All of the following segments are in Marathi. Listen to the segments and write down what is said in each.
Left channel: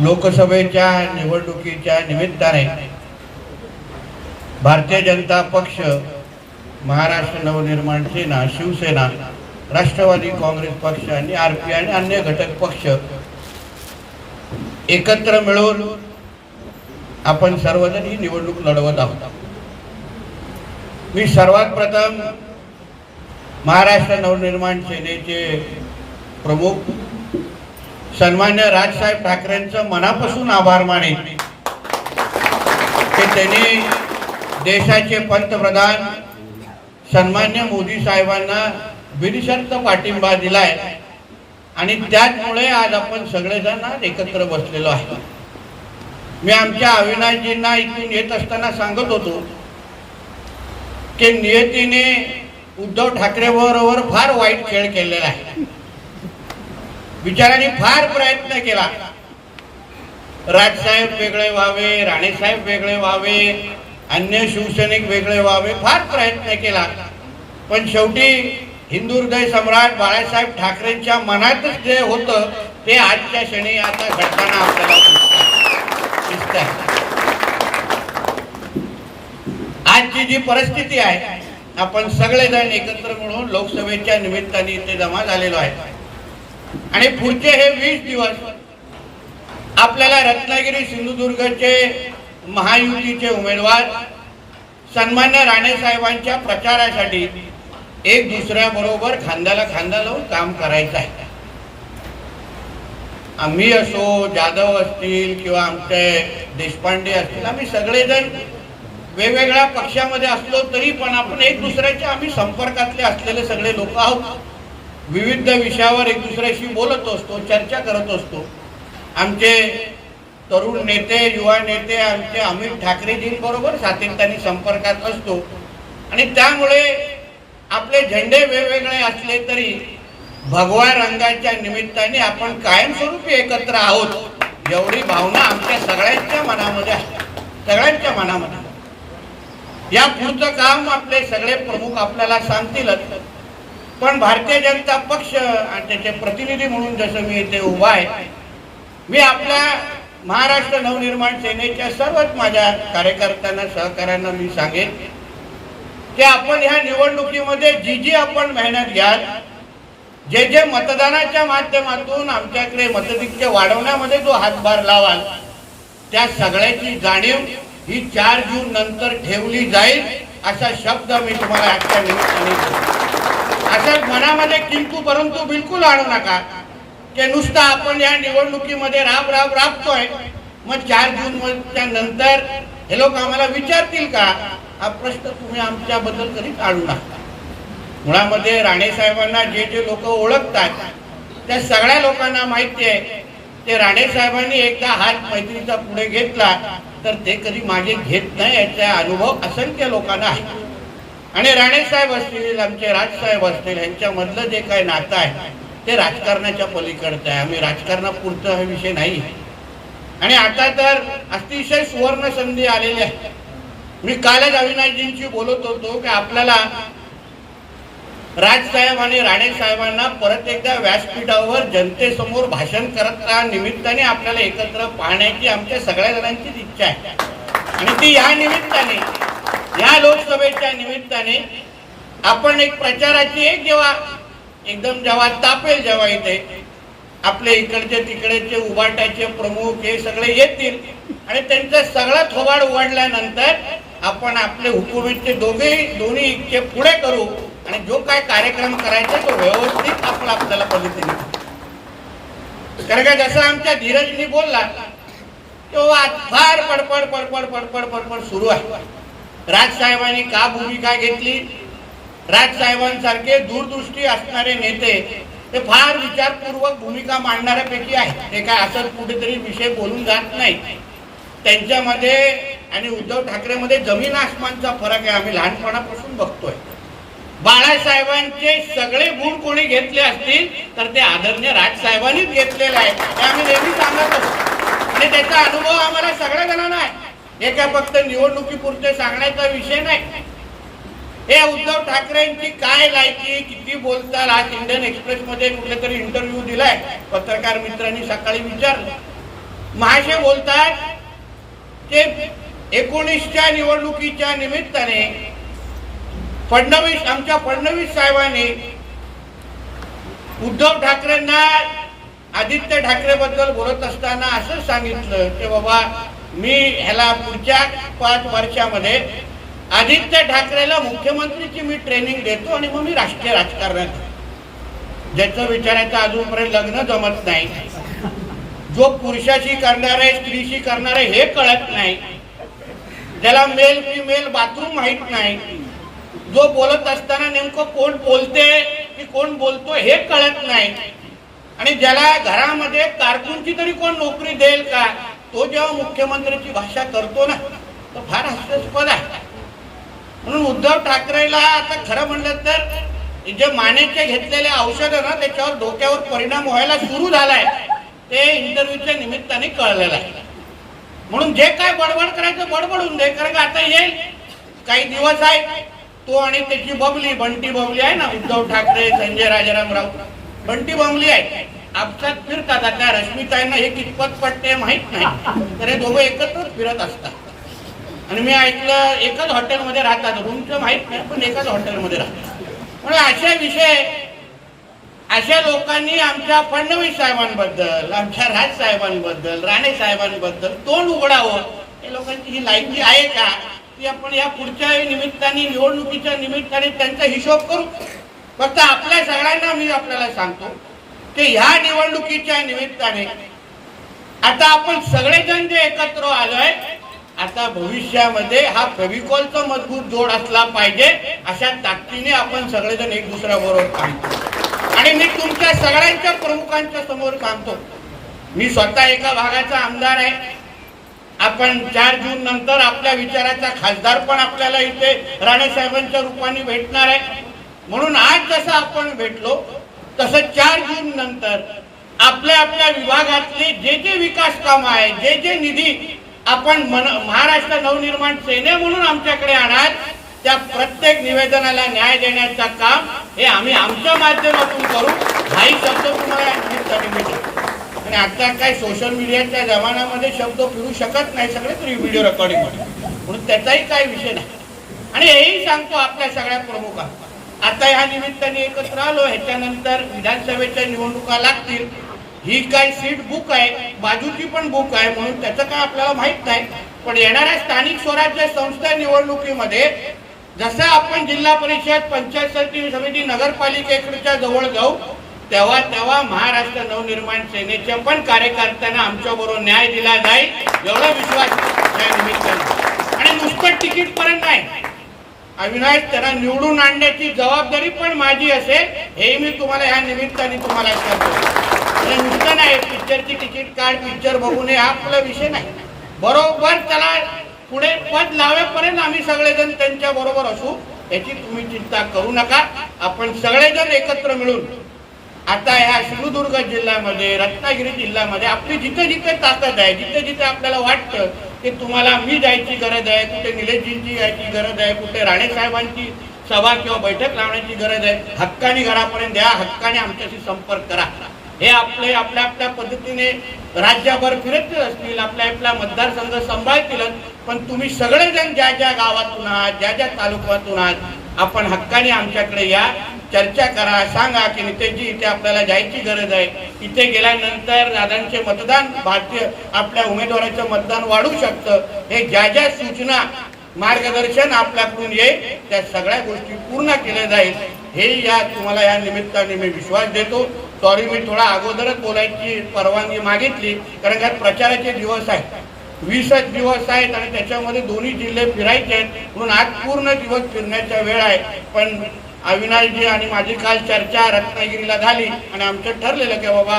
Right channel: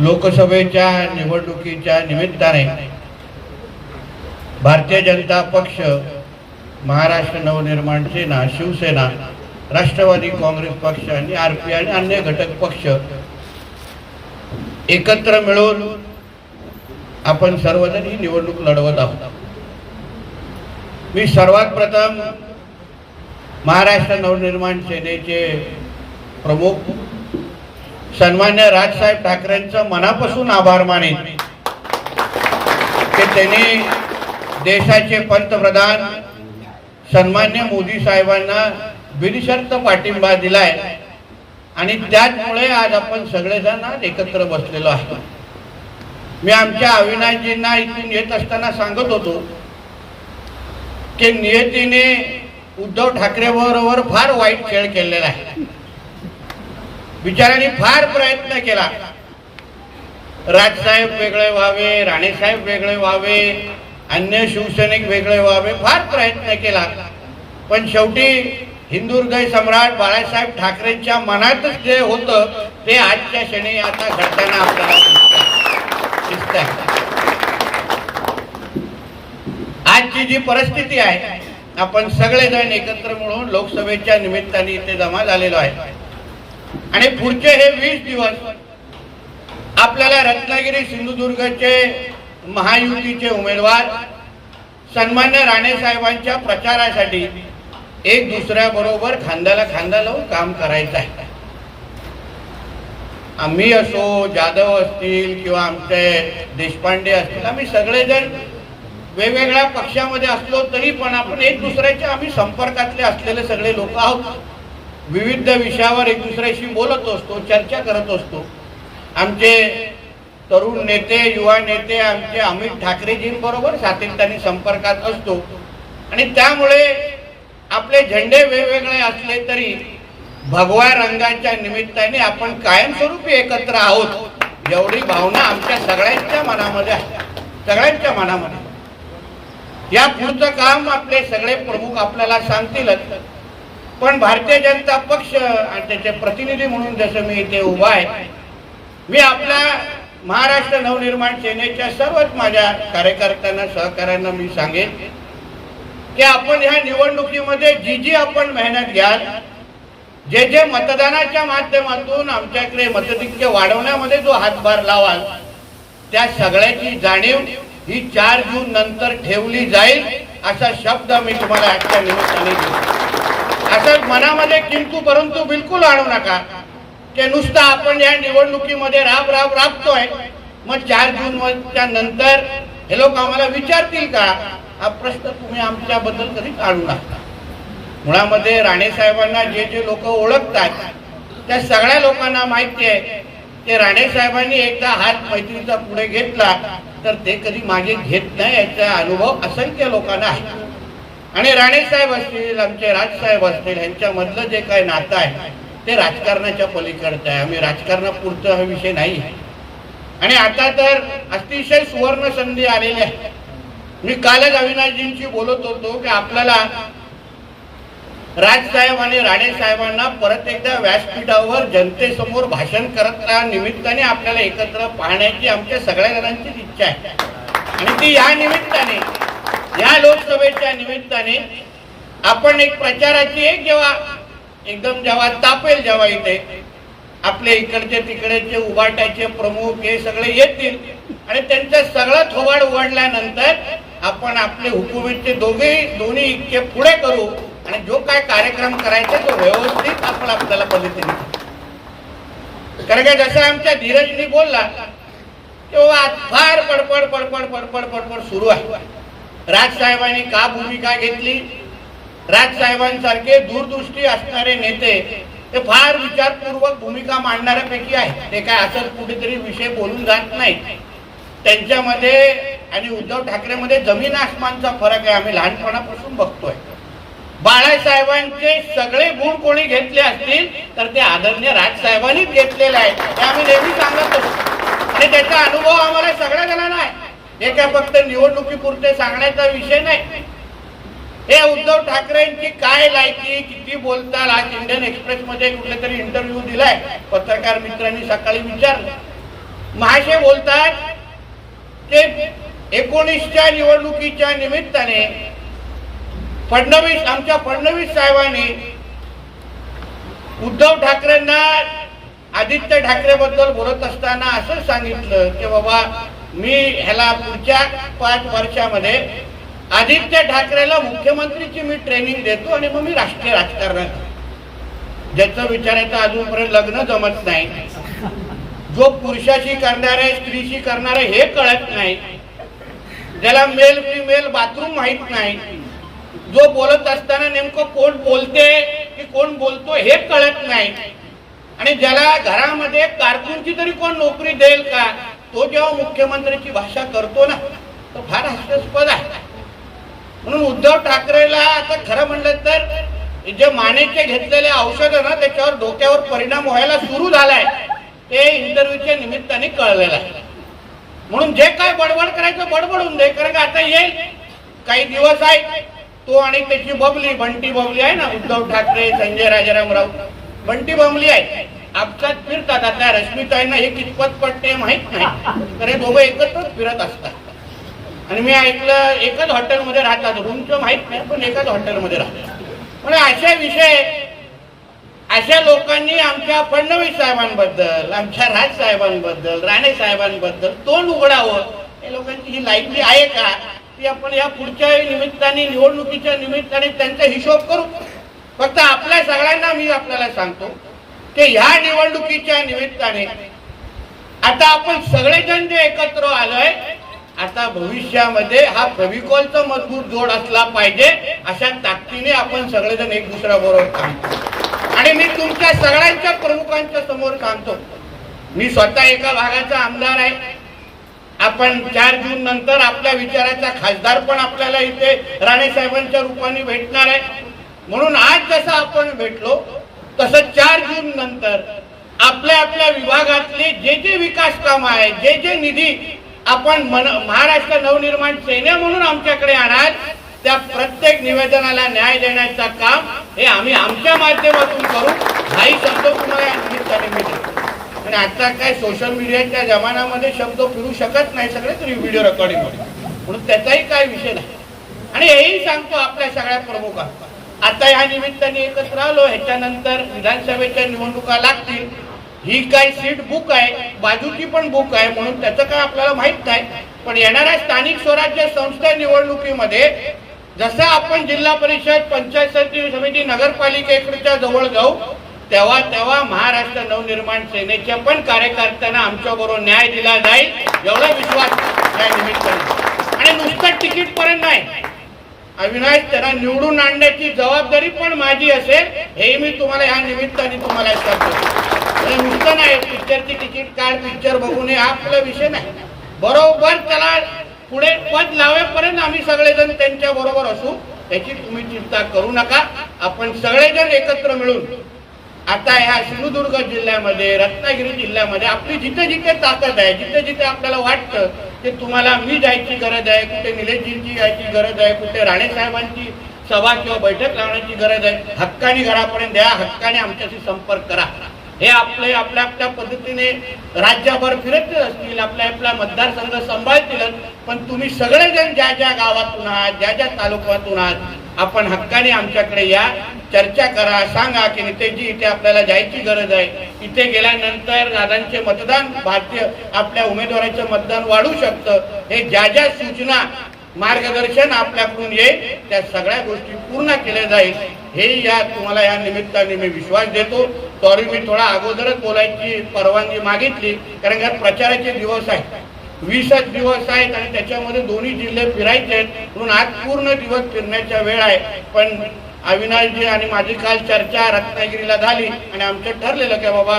लोकसभेच्या निवडणुकीच्या निमित्ताने भारतीय जनता पक्ष महाराष्ट्र नवनिर्माण सेना शिवसेना राष्ट्रवादी काँग्रेस पक्ष आणि आर पी आणि अन्य घटक पक्ष एकत्र मिळून आपण सर्वजण ही निवडणूक लढवत आहोत. मी सर्वात प्रथम महाराष्ट्र नवनिर्माण सेनेचे प्रमुख सन्मान्य राजसाहेब ठाकरेंचं मनापासून आभार मानेन की त्यांनी देशाचे पंतप्रधान सन्मान्य मोदी साहेबांना बिनशर्त पाठिंबा दिलाय. आणि त्याचमुळे आज आपण सगळेजण आज एकत्र बसलेलो आहे मी आमच्या अविनाशजींना इथून येत असताना सांगत होतो की नियतीने उद्धव ठाकरे बरोबर फार वाईट खेळ केलेला आहे. विचाराने फार प्रयत्न केला. राजसाहेब वेगळे व्हावे राणेसाहेब वेगळे व्हावे अन्य शिवसैनिक वेगळे व्हावे फार प्रयत्न केला. पण शेवटी हिंदू हृदय सम्राट बाळासाहेब ठाकरेंच्या मनातच जे होतं ते आजच्या क्षणी आता घडताना आपल्याला दिसत आहे आजची जी परिस्थिती आहे आपण सगळेजण एकत्र मिळून लोकसभेच्या निमित्ताने इथे जमा झालेलो आहे. आणि पुढचे हे वीस दिवस आपल्याला रत्नागिरी सिंधुदुर्गचे महायुतीचे उमेदवार सन्मान्य राणे साहेबांच्या प्रचारासाठी एक दुसऱ्याबरोबर खांद्याला खांदा लावून काम करायचं आहे. आम्ही असो जाधव असतील किंवा आमचे देशपांडे असतील आम्ही सगळेजण वेगवेगळ्या पक्षामध्ये असलो तरी पण आपण एक दुसऱ्याच्या आम्ही संपर्कातले असलेले सगळे लोक आहोत. विविध विषयावर एक दुसऱ्याशी बोलत असतो चर्चा करत असतो. आमचे तरुण नेते युवा नेते आमचे अमित ठाकरेजींबरोबर सातत्याने संपर्कात असतो. आणि त्यामुळे आपले झेंडे वेगवेगळे असले तरी भगवा रंगाच्या निमित्ताने आपण कायमस्वरूपी एकत्र आहोत एवढी भावना आमच्या सगळ्यांच्या मनामध्ये आहे. सगळ्यांच्या मनामध्ये. या पुढचं काम आपले सगळे प्रमुख आपल्याला सांगतीलच. पण भारतीय जनता पक्ष आणि त्याचे प्रतिनिधी म्हणून जसं मी इथे उभा आहे मी आपल्या महाराष्ट्र नवनिर्माण सेनेच्या सर्वच माझ्या कार्यकर्त्यांना सहकाऱ्यांना मी सांगेन की आपण ह्या निवडणुकीमध्ये जी जी आपण मेहनत घ्याल जे जे मतदानाच्या माध्यमातून आमच्याकडे मतदिक्य वाढवण्यामध्ये जो हातभार लावाल त्या सगळ्याची जाणीव ही चार जून नंतर ठेवली जाईल असा शब्द मी तुम्हाला आजच्या निमित्ताने असं मनामध्ये किंतु परंतु बिलकुल आणू नका. की नुसतं आपण या निवडणुकीमध्ये राब राब राबतोय. मग चार जूनच्या नंतर हे लोक आम्हाला विचारतील का हा प्रश्न तुम्ही आमच्याबद्दल कधीच आणू नका. मुळामध्ये राणे साहेबांना जे जे लोक ओळखतात त्या सगळ्या लोकांना माहिती आहे. ते राणे साहेबांनी एकदा हात मैत्रीचा पुढे घेतला तर ते कधी मागे घेत नाही याचा अनुभव असंख्य लोकांना आहे. आणि राणे साहेब असतील आमचे राजसाहेब असतील यांच्यामधलं जे काही नातं आहे ते राजकारणाच्या पलीकडचं आहे. आम्ही राजकारणापुरतं हा विषय नाही. आणि आता तर अतिशय सुवर्ण संधी आलेली आहे. मी कालच अविनाशजींशी बोलत होतो की आपल्याला राजसाहेब आणि राणे साहेबांना परत एकदा व्यासपीठावर जनतेसमोर भाषण करत निमित्ताने आपल्याला एकत्र पाहण्याची आमच्या सगळ्या जणांचीच इच्छा आहे. आणि ती या निमित्ताने या लोकसभेच्या निमित्ताने आपण एक प्रचाराची एक जेव्हा एकदम जेव्हा तापेल जेव्हा इथे आपले इकडचे तिकडेचे उभाटाचे प्रमुख हे सगळे येतील आणि त्यांचा सगळं थोबाड उघडल्यानंतर आपण आपले हुकुमीचे दोघे दोन्ही इतके पुढे करू आणि जो काय कार्यक्रम करायचा तो व्यवस्थित आपण आपल्याला पद्धतीने कारण का जसं आमच्या धीरजनी बोलला तेव्हा फार पडपड पडपड पडपड पडपड सुरू आहे. राजसाहेबांनी का भूमिका घेतली? राजसाहेबांसारखे दूरदृष्टी असणारे नेते ते फार विचारपूर्वक भूमिका मांडणाऱ्यापैकी आहेत. ते काय असंच कुठेतरी विषय बोलून जात नाही त्यांच्यामध्ये आणि उद्धव ठाकरेमध्ये जमीन आसमानचा फरक आहे. आम्ही लहानपणापासून बघतोय. बाळासाहेबांचे सगळे गुण कोणी घेतले असतील तर ते आदरणीय राजसाहेबांनीच घेतलेले आहे हे आम्ही नेहमी सांगत असतो आणि त्याचा अनुभव आम्हाला सगळ्या जणांना आहे. हे काय फक्त निवडणुकीपुरते सांगण्याचा विषय नाही. हे उद्धव ठाकरेंची काय लायकी किती बोलतात आज इंडियन एक्सप्रेस मध्ये कुठले तरी इंटरव्ह्यू दिलाय. पत्रकार मित्रांनी सकाळी विचारलं. महाशय बोलतात ते एकोणीसच्या निवडणुकीच्या निमित्ताने फडणवीस आमच्या फडणवीस साहेबांनी उद्धव ठाकरेंना आदित्य ठाकरे बद्दल बोलत असताना असं सांगितलं की बाबा मी ह्याला पुढच्या पाच वर्षामध्ये आदित्य ठाकरेला मुख्यमंत्रीची मी ट्रेनिंग देतो आणि मग मी राष्ट्रीय राजकारणात ज्याचं विचारायचं अजूनपर्यंत लग्न जमत नाही. जो पुरुषाशी करणार आहे स्त्रीशी करणार आहे हे कळत नाही. ज्याला मेल फिमेल बाथरूम माहीत नाही. जो बोलत असताना नेमकं कोण बोलते की कोण बोलतो हे कळत नाही. आणि ज्याला घरामध्ये कारकूनची तरी कोण नोकरी देईल का? तो जेव्हा मुख्यमंत्र्याची भाषा करतो ना तर फार हास्यास्पद आहे. म्हणून उद्धव ठाकरेला आता खरं म्हणलं तर जे मानेचे घेतलेले औषधं ना त्याच्यावर डोक्यावर परिणाम व्हायला सुरू झालाय. ते इंटरव्ह्यूच्या निमित्ताने कळलेलं आहे. म्हणून जे काय बडबड करायचं बडबडून दे कारण का आता येईल. काही दिवस आहे. तो आणि त्याची बबली बंटी बबली आहे ना उद्धव ठाकरे संजय राजाराम राऊत. बंटी बबली आहे. आपसात फिरतात. आता रश्मीताईंना हे कितपत पटते माहीत नाही. तर हे दोघं एकत्रच फिरत असतात. आणि मी ऐकलं एकच हॉटेलमध्ये राहतात. रूमचं माहीत नाही पण एकाच हॉटेलमध्ये राहतात. म्हणजे अशा विषय अशा लोकांनी आमच्या फडणवीस साहेबांबद्दल आमच्या राज साहेबांबद्दल राणे साहेबांबद्दल तोंड उघडावं. हे लोकांची ही लायकी आहे का की आपण या पुढच्या निमित्ताने निवडणुकीच्या निमित्ताने त्यांचा हिशोब करू. फक्त आपल्या सगळ्यांना मी आपल्याला सांगतो की ह्या निवडणुकीच्या निमित्ताने आता आपण सगळेजण जे एकत्र आलोय आता भविष्यामध्ये हा फेविकॉलचा मजबूत जोड असला पाहिजे अशा ताकदीने आपण सगळेजण एक दुसऱ्याबरोबर बरोबर आणि मी तुमच्या सगळ्यांच्या प्रमुखांच्या समोर सांगतो मी स्वतः एका भागाचा आमदार आहे. आपण चार जून नंतर आपल्या विचाराचा खासदार पण आपल्याला इथे राणे साहेबांच्या रूपाने भेटणार आहे. म्हणून आज जसं आपण भेटलो तसं चार जून नंतर आपल्या आपल्या विभागातले जे जे विकास काम आहे जे जे निधी आपण मन महाराष्ट्र नवनिर्माण सेने म्हणून आमच्याकडे आणाल त्या प्रत्येक निवेदनाला न्याय देण्याचं काम हे आम्ही आमच्या माध्यमातून करू. हाही शब्द तुम्हाला पण आता काय सोशल मीडियाच्या जमान्यामध्ये शब्द फिरू शकत नाही सगळे तरी व्हिडिओ रेकॉर्डिंग म्हणून त्याचाही काय विषय नाही. आणि हेही सांगतो आपल्या सगळ्या प्रमुखांना. आता ह्या निमित्ताने एकत्र आलो. ह्याच्यानंतर विधानसभेच्या निवडणुका लागतील. ही काय सीट बुक आहे? बाजूची पण बुक आहे म्हणून त्याचं काय आपल्याला माहीत नाही. पण येणाऱ्या स्थानिक स्वराज्य संस्था निवडणुकीमध्ये जसं आपण जिल्हा परिषद पंचायत समिती समिती नगरपालिकेकडच्या जवळ जाऊ तेव्हा तेव्हा महाराष्ट्र नवनिर्माण सेनेच्या पण कार्यकर्त्यांना आमच्या बरोबर न्याय दिला जाईल एवढा विश्वास निमित्ताने. आणि नुसतं तिकीट पर्यंत नाही. अविनाश त्यांना निवडून आणण्याची जबाबदारी पण माझी असेल हे मी तुम्हाला या निमित्ताने तुम्हाला सांगतो हे म्हणजे नुसतं नाही पिक्चरची तिकीट काढ पिक्चर बघून हे हा आपला विषय नाही. बरोबर त्याला पुढे पद लावेपर्यंत आम्ही सगळेजण त्यांच्या बरोबर असू याची तुम्ही चिंता करू नका. आपण सगळेजण एकत्र मिळून आता ह्या सिंधुदुर्ग जिल्ह्यामध्ये रत्नागिरी जिल्ह्यामध्ये आपली जिथे जिथे ताकद आहे जिथे जिथे आपल्याला वाटतं की तुम्हाला मी जायची गरज आहे कुठे निलेशजींची यायची गरज आहे कुठे राणे साहेबांची सभा किंवा बैठक लावण्याची गरज आहे हक्कानी घरापर्यंत द्या हक्काने आमच्याशी संपर्क करा. हे आपले आपल्या आपल्या पद्धतीने राज्यभर फिरत असतील आपल्या आपल्या मतदारसंघ सांभाळतीलच पण तुम्ही सगळेजण ज्या ज्या गावातून आहात ज्या ज्या तालुक्यातून आहात आपण हक्काने आमच्याकडे या. चर्चा करा सांगा की नितेशजी इथे आपल्याला जायची गरज आहे. इथे गेल्यानंतर दादांचे मतदान भारतीय आपल्या उमेदवाराचं मतदान वाढू शकतं. हे ज्या ज्या सूचना मार्गदर्शन आपल्याकडून येईल त्या सगळ्या गोष्टी पूर्ण केल्या जाईल. हे या तुम्हाला या निमित्ताने मी विश्वास देतो. सॉरी मी थोडा अगोदरच बोलायची परवानगी मागितली कारण का प्रचाराचे दिवस आहेत. वीसच दिवस आहेत आणि त्याच्यामध्ये दोन्ही जिल्हे फिरायचे आहेत. म्हणून आज पूर्ण दिवस फिरण्याचा वेळ आहे. पण अविनाशजी आणि माझी काल चर्चा रत्नागिरीला झाली आणि आमचं ठरलेलं की बाबा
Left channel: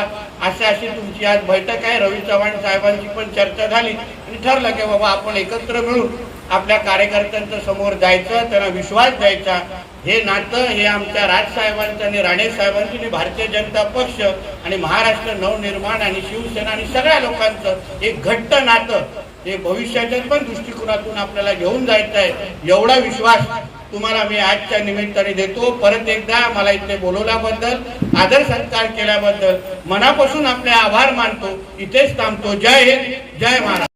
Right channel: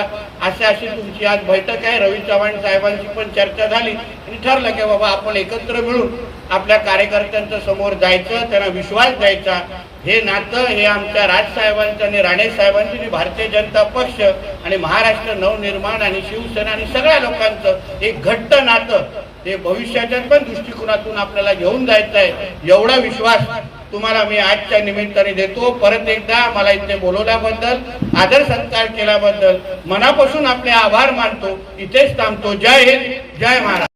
अशी अशी तुमची आज बैठक आहे. रवी चव्हाण साहेबांची पण चर्चा झाली आणि ठरलं की बाबा आपण एकत्र मिळून आपल्या कार्यकर्त्यांच्या समोर जायचं त्यांना विश्वास द्यायचा. हे नातं हे आमच्या राजसाहेबांचं आणि राणे साहेबांचं आणि भारतीय जनता पक्ष आणि महाराष्ट्र नवनिर्माण आणि शिवसेना आणि सगळ्या लोकांचं एक घट्ट नातं हे भविष्याच्या पण दृष्टिकोनातून आपल्याला घेऊन जायचं आहे. एवढा विश्वास तुम्हाला मी आजच्या निमित्ताने देतो. परत एकदा मला इथे बोलवल्याबद्दल आदर सत्कार केल्याबद्दल मनापासून आपले आभार मानतो. इथेच थांबतो. जय हिंद जय महाराज